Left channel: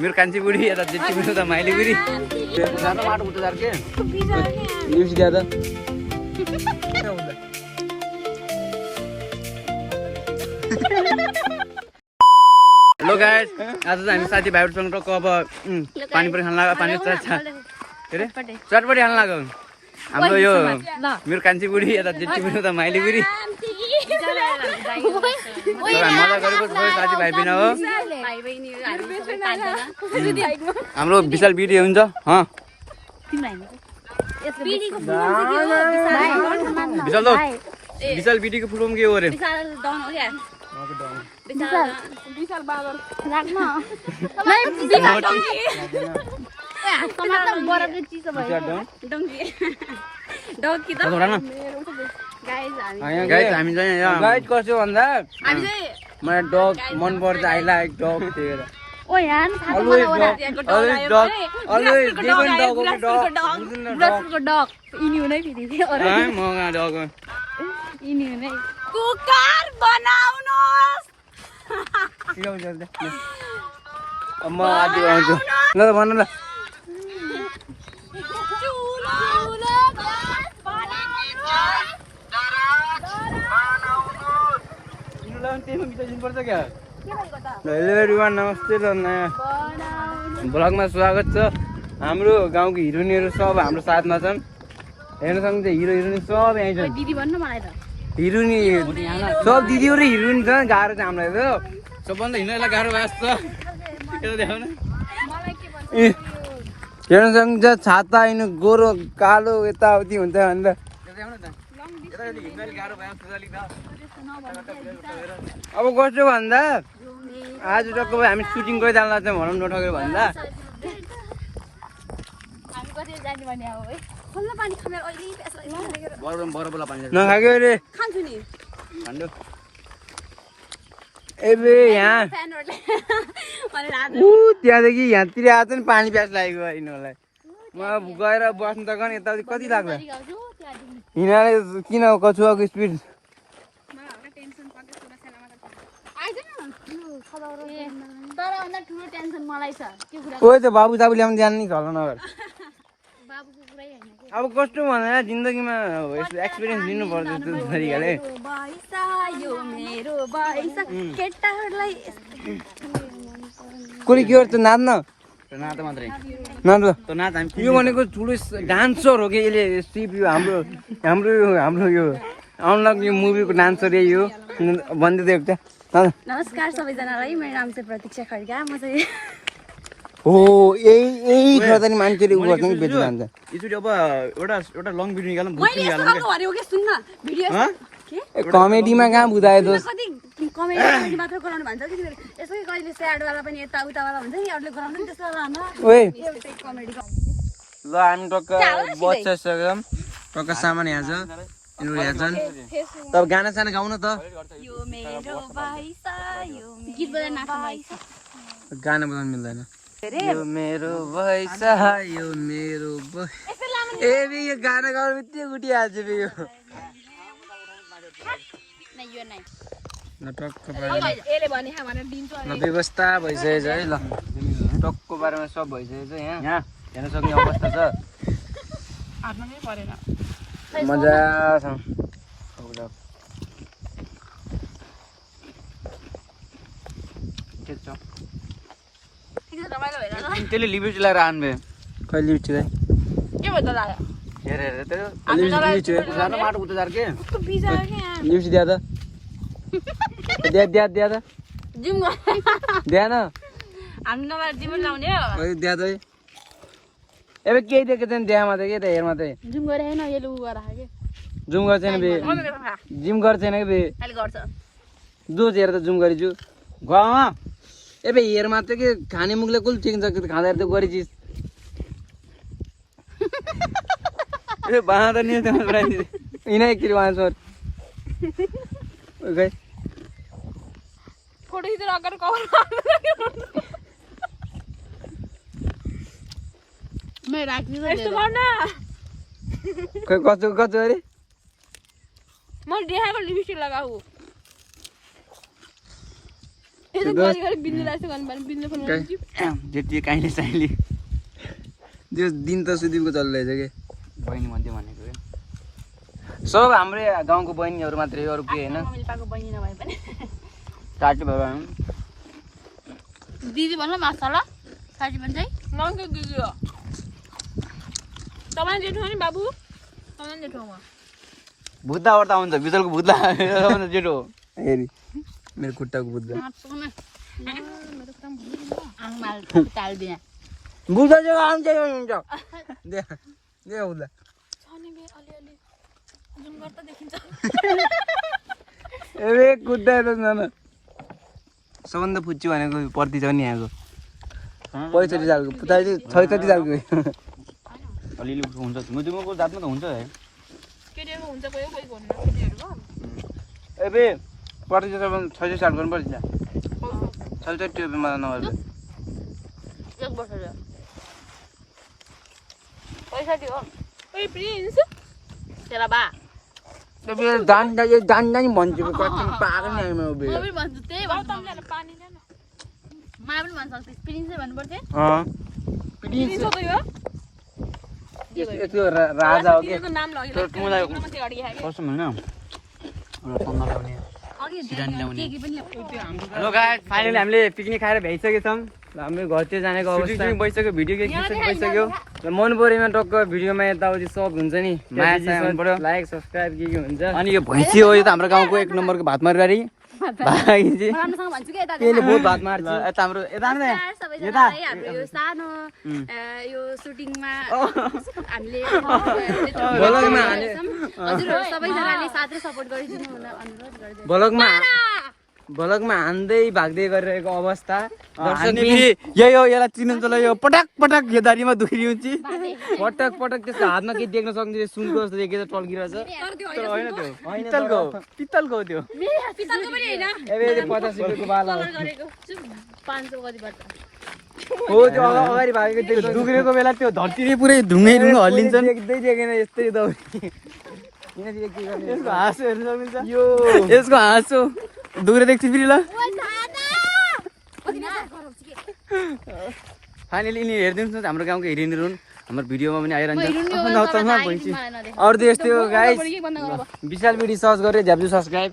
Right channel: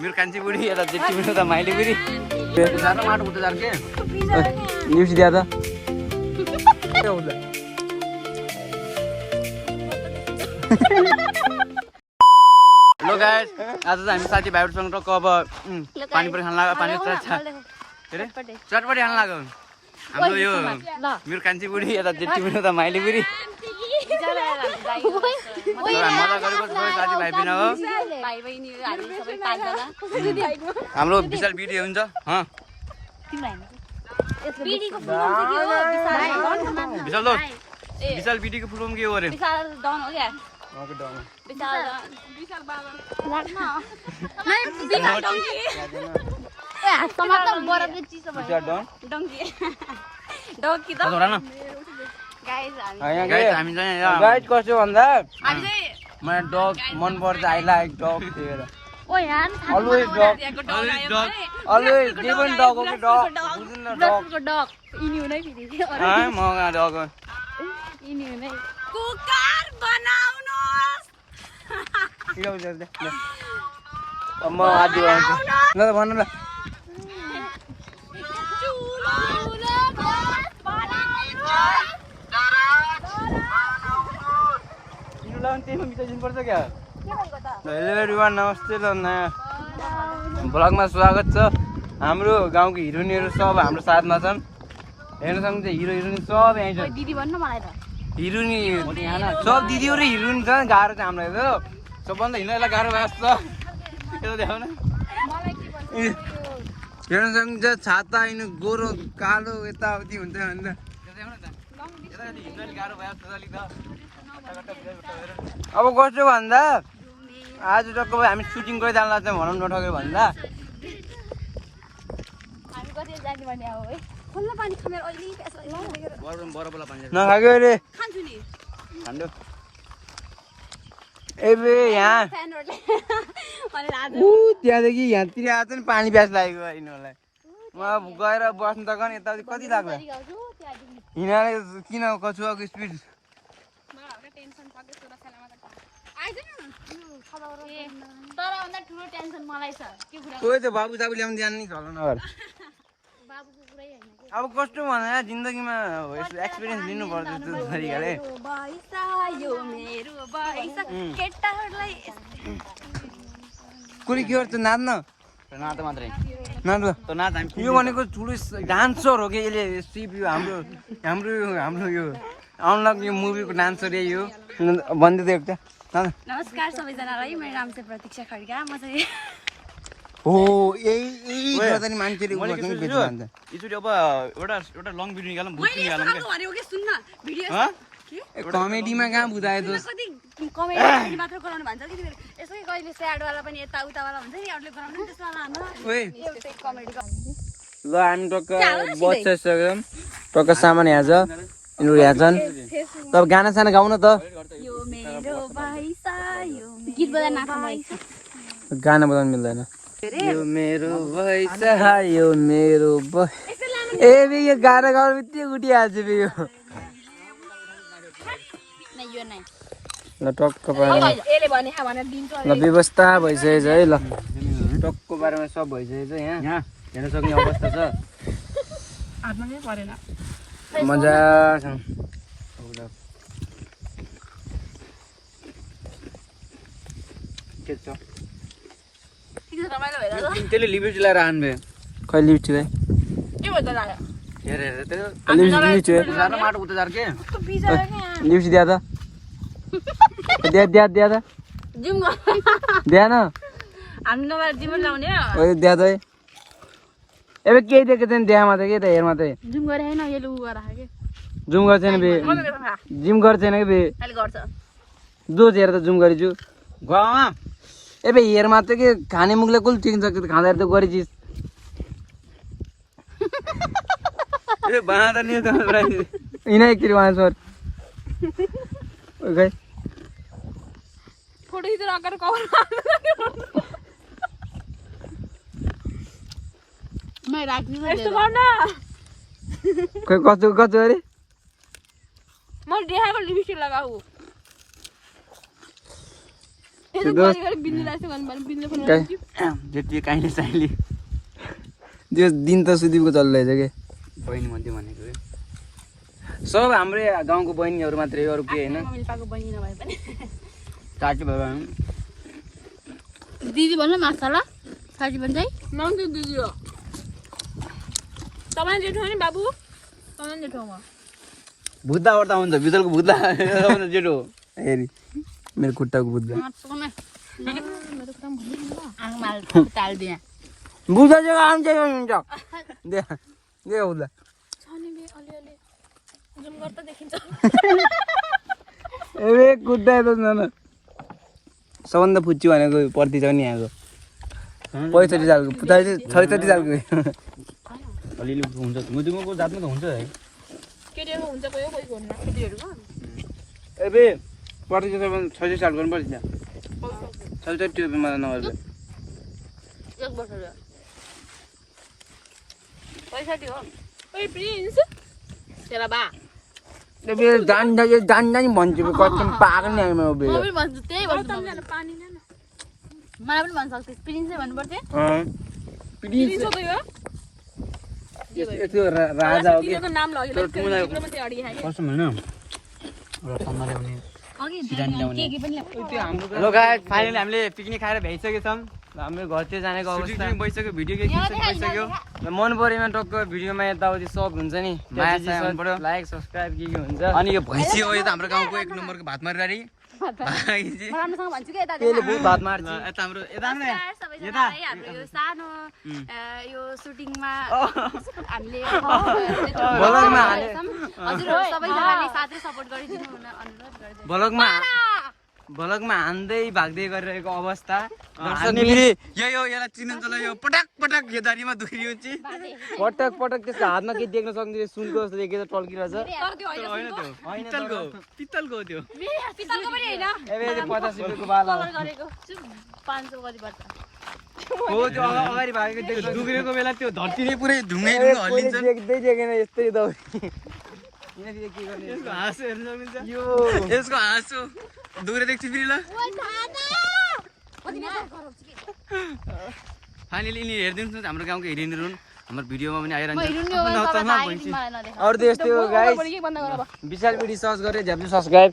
मेरो कान्छी बुढी यता जेठी बुढी त माइली बुढी माटो उठ्दै जान्छ न्युज दिया त हेलो गाइस आज चाहिँ हामी साथी भाइहरूसँग टक्क अब पानीपुरी खान लाग्यो पानी के अरे चटपटी खान लाग्यो हाम्रो यो मेरो कान्छी बुढी यता जेठी बुढी त माइली बुढी हामी मजा गरेको सबै साथी भाइ बिना हो हाम्रो विशाल बिडी हुन्छ विशाल बिडीको फुल फर्म के हो अरे गाइस हामी चाहिँ गाइस कसो भन्दा मलाई डग मन पर्छ आई लाइक डग त्यही ओ यार अलवेज गिवन डग हो कि डग बुझ्नु न डग इनी हुनै फेरि मगा डग इनी हुनै कुकर बनाउनुस् म आज आउँछु ल भन ल हेलो एभ्रिवान नमस्ते र नयाँ ब्लगमा स्वागत छ हाम्रो गाउँको हिरोइनहरू सब हाम्रो साथमा छन् हेर्न सक्नुहुन्छ हिरो हिरोइन सब यहीँ छन् हिरोइन सब दिदी र हिरोइन छ गाह्रो छ हामीलाई त सबभन्दा हिँड्नलाई गाह्रो भएको छ हेर्न सक्नुहुन्छ छाता होइन गोरो कालो यताउति हुन्छ भनेर अब कस्तो भन्दा आज टक्क हामी सुटिङ गरी जानु लाग्छ भनौँ नठक्यो भन्दा नखाएको अरे ए यहाँ त्यहाँदेखि यहाँतिर आएको नि पानी प्यास लागेको यिनीहरूलाई म गएर बस्नु त गन यताउति कति लाग्छ हिँडाले किन कछुवाको स्पिड कोही त बाबु साबु ल्याउनु जानु नि घर नगर अब कस्तो भनेर जिन्दगीमा एक्सपिरियन्स लिनुपर्छ त्यो तरिकाले कोही के गर्छ नाच्न नाच मात्रै नाच यो भनेको ठुलो डान्सर हो कि यसले सिप यो हाम्रो हाम्रो हाम्रो यो अनलक यो मुभीको डान्सर यही हो भनिदिएको त्यहाँ नमस्कार सबैजनालाई मेरो नाम चाहिँ प्रतीक्षा खड्का म चाहिँ हो यही गर्दा नि मान्छेले उ गर्छ नि बेच्नु जान्छ यसरी अब एउटा लङ भिडियो निकालौँ भुत निकालौँ कमेडीमा कहाँ बुझायो दोस्त कमेडी मात्र गराउनु भन्छ कि यसै कहिले स्याडवाला पनि यता उतावाला हुन्छ नि अरूले गराउनु नि त्यसवाला ओए ल हामी टक्क बसिसक्यौँ टक्क सामान यहाँ छ यिनीहरू यहाँ छन् तब गाना साना गाउन त गाना बजाउनु मिल्दैन यो मेरो भैसा यो मेरो ए यो गाना गाउनु बित्तिकै उठिहाल्छु यो ल टक्क पारेर ल व्यवस्था भइसकेको छ है ल टक्क बारेमा सब भइसकेको छ यहाँ हेर्न सक्ने अवस्था छ मजा छ त्यसले लिपस्टिक लगाएर आन्बे खै लिपस्टिक माटो उठ्दै जान्छ लिपस्टिक दिया त दिया त दिएन दिया त ଏବେ केही दिएको छैन देखामा त के त हेरमा त जुम गर्छ नि बे जिम गर्छ नि बे जो हेर त जुम गरिछु गाउँमा ଏବେ हेर मात्र के खाने मुखले कुल ठिक छ खाँदा त गरिछिस् ए बना त नि त इनै एकचोटि वहाँ सर ओके फोटो खिचेर अगाडि कभर मैं राख्दिन यस्तो गर्न कस्तो कस्तो अरे म देखाएको लिपस्टिक लगाऊ छु दोस्त जेठी काइले साइली त्यो दिन त सुदीपको चलिरहेछ के बहिनी मध्ये भनेको सब हाम्रै गाउँको बहिनीहरू मात्रै अरू के होइन काटी बाबा दिदी भन्नु माछाला साथी भन्छ है नन्द दिदी हो तपाईँ जेठो नि बाबु तपाईँ जेठो हो भुत्ता ओर्ता हुन्छ बिजलको भुत्ता जेठो हेरी मेरो खुट्टाको बुद्ध बुझा जग्गा आउँछ हुन्छ दे दे बुद्ध ए कुद्दा त न सबभन्दा फुच्ची भनेको पर्ति छ नि यहाँको पैँसठी सालको पुताले ६६ सालको अलिअलि हुन्छ मुजुमको जातमा त हुन्छ है केटीहरुको हुन्छ कोही कोही हुन्न केटीहरुको ए बे पर्ति छ ६६ साल गर्नुपर्छ त्यहाँ ६६ रुपियाँमा नभए 1 वर्षले 65 हो ओइ प्रिन्स तेरा बा बे जान्दा नि भन्छु कति पागल नि आइमा बे म पनि भन्छु त्यही भन्छु तपाईले पानी ल्याउन मलाई पनि भन्छ सक्छ प्रिन्स भन्नु पर्थ्यो प्लिज यस्तो राजा हो के तिम्रो नाम लग्यो तिम्रो मात्रै अडि हाल्यो कसम हैन अघि के पनि हेलो गाइस फाइनली हामीले पिकनिक खाएर भ्याइसकेका छौँ हाम्रो घरतिर जानेको अवस्था भइसक्यो भिडियो के खिच्नु भइसक्यो र मन परेमा टक्क भिडियोमा यताउति सब हुन्छ नि माया साया हुनु पर्यो लाइक सब्स्क्राइब के हुन्छ अनि यो भैँसी हो यो त हाम्रो गाउँको 1 नम्बरको भात मारगाडी भाइजी राम्रोसँग भन्छु के यता त्यसले बहुत भात मार्छ यता हाम्रो यता न सबैजना है हाम्रो यो सानो यो सुटिङमा हामीले ब्लगमा हाले हजुरहरु सबैजनाले साथ र सपोर्ट गरिदिनु हुन अनुरोध गर्दै ब्लगमा हान्दै भाग्दै गरिरहेको अवस्था यही हो यसलाई चिन्नुहुन्छ ल यो पटक पटक यो दारीमा दुखिन्छ पटक पटक त्यसको हातमा के देख्न सक्दिन सुनको जस्तो देखेर टल्किरहेछ तर होइन त्यो पित्तलको हो त्यो पितलको पनि हैन ए 50 रुपैयाँको बाला गरेको 500 कति पर्छ हो त्यो अगाडि भागेको त्यो दुख्रेको बेला त्यो धरती नै पुरै ढुङ्गै हल्लिन्छन् देख्दै देखेन यस्तै त यसको हाँसो हेर्न सक्नुहुन्छ यो यसको हाँसो दुख्रे देख्छु फेरि ल फाइनली यिनी हेरिदिनुहोस् न हाम्रो गाउँको हेरिदिनु हुन् हाम्रो भिडियोमा पनि आइरहन्छ अरू त यस्तै हो गाइस विशाल भिडियो सर्च गरेर झ्याप्छु सब्स्क्राइब